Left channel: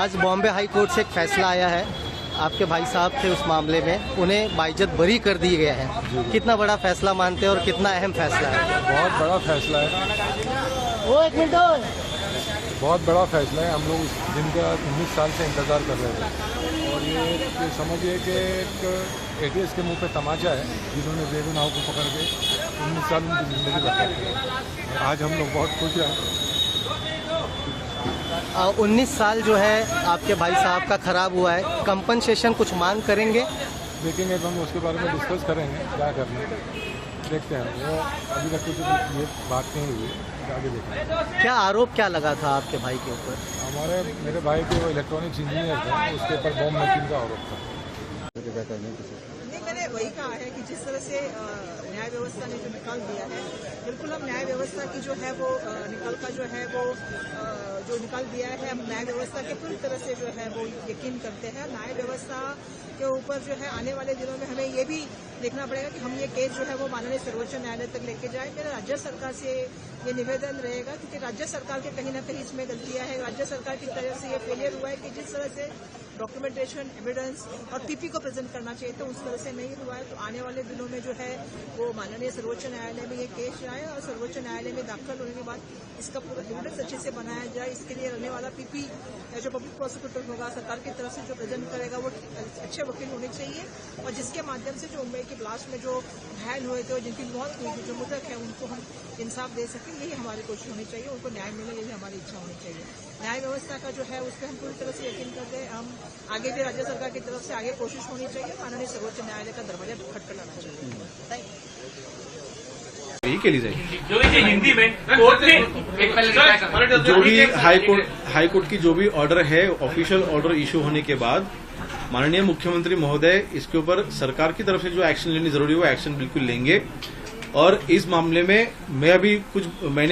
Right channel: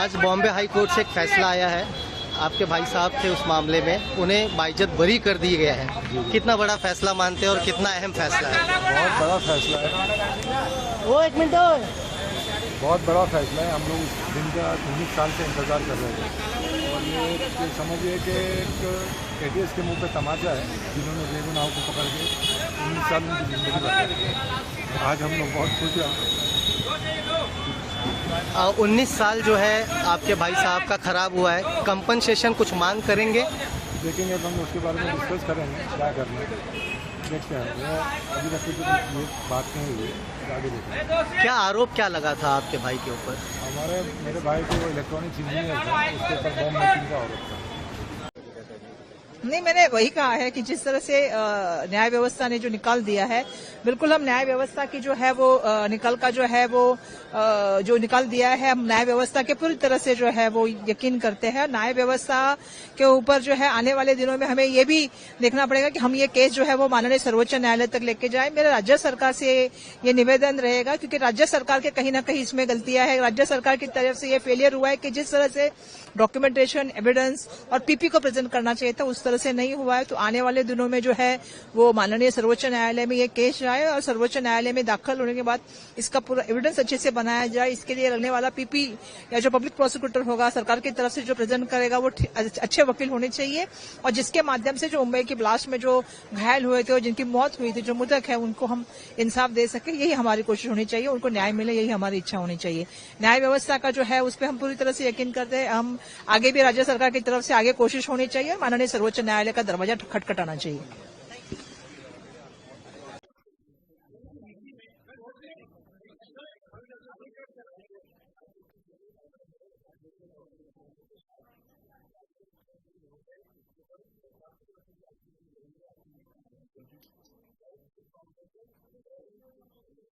आज Bombay high court से एक फैसला आया है, आपके भाई साहब थे उस मामले में, उन्हें बाइज्जत बरी कर दी गया है। कितना बड़ा फैसला मानते हैं और कितना अहम फैसला है? बहुत बड़ा फैसला है। वो एक मिनट और। बहुत बड़ा फैसला है। हम लोग इस दिन का 19 साल से इंतज़ार कर रहे थे और ये समझिए कि एक एटीएस के मुंह पे तमाचा है, जिन्होंने बेगुनाहों को पकड़ के 19 साल उनकी ज़िंदगी बर्बाद की। आज हम लोग बहुत खुश हैं। 19 साल जो है आपके भाई साहब का खराब हुआ है, कंपनसेशन कुछ मांग करेंगे? देखेंगे तो हम उसके बारे में डिस्कस करेंगे, क्या करना है देखते हैं। वो अभी तक कुछ ये बात नहीं हुई है, आगे देखेंगे। क्या आरोप क्या लगा था आपके भाई के ऊपर? मेरे भाई के वो इलेक्ट्रॉनिक्स इंजीनियर थे, उसके ऊपर बॉम्ब मेकिंग का आरोप था। नहीं, मैंने वही कहा है कि जिस तरह से न्याय व्यवस्था ने जो निकाल दिया है, बिल्कुल हम न्याय व्यवस्था की जो है वो निकल का जो है वो जो निकाल दिया है, हम न्याय व्यवस्था के पूरी तरह से जो है वो यकीन करते हैं। न्याय व्यवस्था के ऊपर जो है आने वाले दिनों में हमें ये भी देखना पड़ेगा कि हम ये केस जो है वो माननीय सर्वोच्च न्यायालय तक लेके जाएं। मेरा राज्य सरकार से ये निवेदन रहेगा, क्योंकि राज्य सरकार के कहीं ना कहीं इसमें गलतियां है। राज्य सरकार की तरफ से ये फेलियर हुआ है कि जिस तरह से डॉक्यूमेंटेशन, एविडेंस और पीपी को प्रेजेंट करना चाहिए था, उस तरह से नहीं हुआ है। तो आने वाले दिनों में जो है वो माननीय सर्वोच्च न्यायालय में ये केस जाए और सर्वोच्च न्यायालय में दाखिल होने के बाद इसका पूरा एविडेंस अच्छे से बनाया जाए। इसके लिए लगने वाला पीपी या जो पब्लिक प्रोसिक्यूटर होगा सरकार की तरफ से जो प्रेजेंट करेगा वो अच्छे वकील होने चाहिए, और जिसके माध्यम से जो मुंबई की ब्लास्ट में जो घायल हुए थे और जिनकी मौत हुई थी, जो मृतक है, उनको हम इंसाफ दे सके। यही हमारी कोशिश होनी चाहिए, उनको न्याय मिले, यही हमारी इच्छा होनी चाहिए। न्याय व्यवस्था का जो है उस पर हम पूरी तरह से यकीन करते हैं। हम आगे भी राज्य सरकार की तरफ से आगे कोशिश होनी चाहिए, माननीय सर्वोच्च न्यायालय का दरवाजा खटखटाना चाहिए। के लिए जो भी हिंदी में कोर्ट ने जो भी हाई कोर्ट की जो भी ऑर्डर है, ऑफिशियल ऑर्डर इशू होने के बाद माननीय मुख्यमंत्री महोदय इसके ऊपर सरकार की तरफ से जो एक्शन लेनी जरूरी है वो एक्शन बिल्कुल लेंगे। और इस मामले में मैंने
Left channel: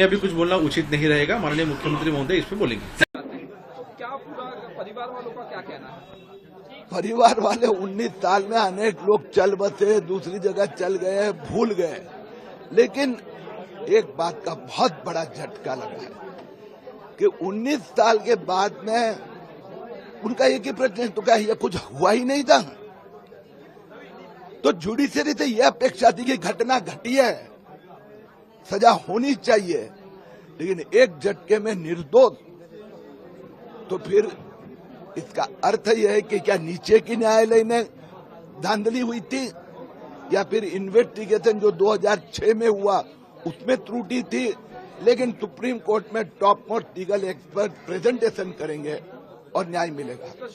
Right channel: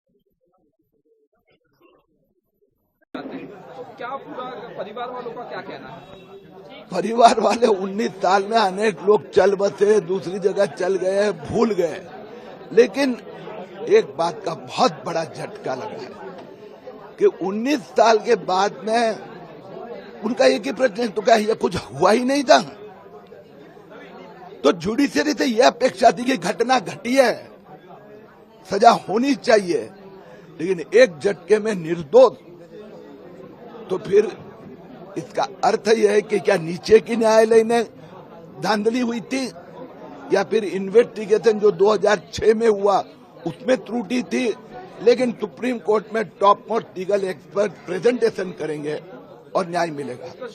अभी कुछ बोलना उचित नहीं रहेगा। माननीय मुख्यमंत्री महोदय इस पे बोलेंगे। क्या पूरा परिवार वालों का क्या कहना है? परिवार वाले 19 साल में अनेक लोग चल बसे, दूसरी जगह चल गए, भूल गए, लेकिन एक बात का बहुत बड़ा झटका लगा है कि 19 साल के बाद में उनका एक ही प्रश्न है, तो क्या ये कुछ हुआ ही नहीं था? तो जुडिशरी से यह अपेक्षा थी कि घटना घटी है, सजा होनी चाहिए, लेकिन एक झटके में निर्दोष। तो फिर इसका अर्थ यह है कि क्या नीचे की न्यायालय ने धांधली हुई थी, या फिर इन्वेस्टिगेशन जो 2006 में हुआ उसमें त्रुटि थी? लेकिन सुप्रीम कोर्ट में top most legal expert presentation करेंगे और न्याय मिलेगा।